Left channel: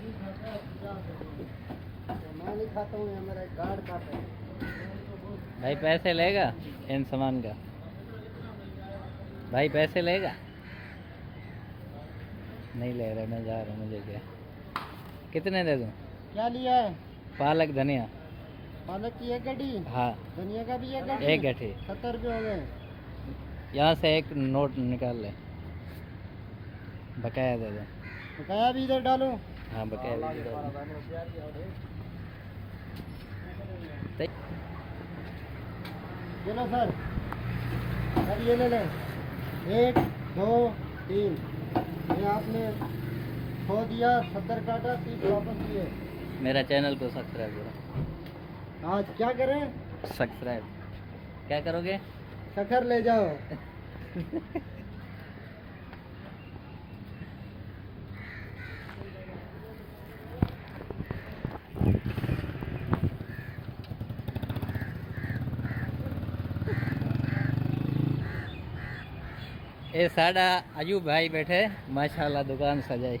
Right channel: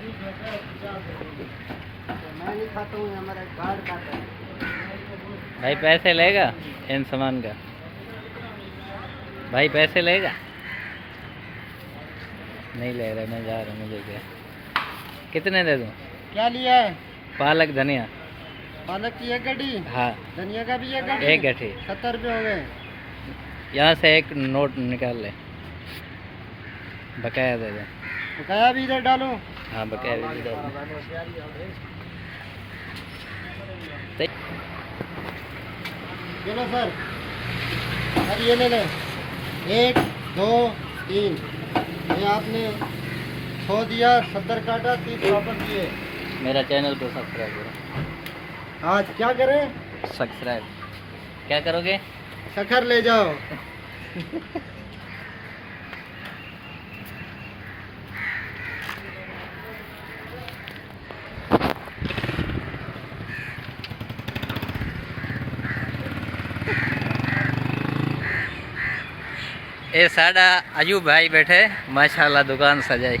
मैं नहीं खाता हूँ, हमारा कार्ड खाता है। भाई पैसे लेगा इन सामान का? भाई पैसे लेगा? नहीं ले रहा, मैं जा रहा हूँ। मुझे क्या, कितने दे दूँ? क्या लिया है? पालक धनिया। पालक की एक गड्डी, हाँ धनिया का भी एक गड्डी। एक गड्ढी। 70 रुपये हो गए। यहाँ से एक नोट निकाल ले, बकाया दे दे। बकाया भी इधर डालो। हाँ बकाया भी डाल दे। चलो सर, सर ये ले लें। 1 2 3, ये आपने 100 दिया, 70 काटा, 30 वापस दिए। मेरा चैनल को सब्सक्राइब करो। आज क्या करें? सब्सक्राइब क्या करोगे? शक्कर ले जाओ। ए साडा अयूब भाई बैठे, माशाल्लाह दुकान सजाई।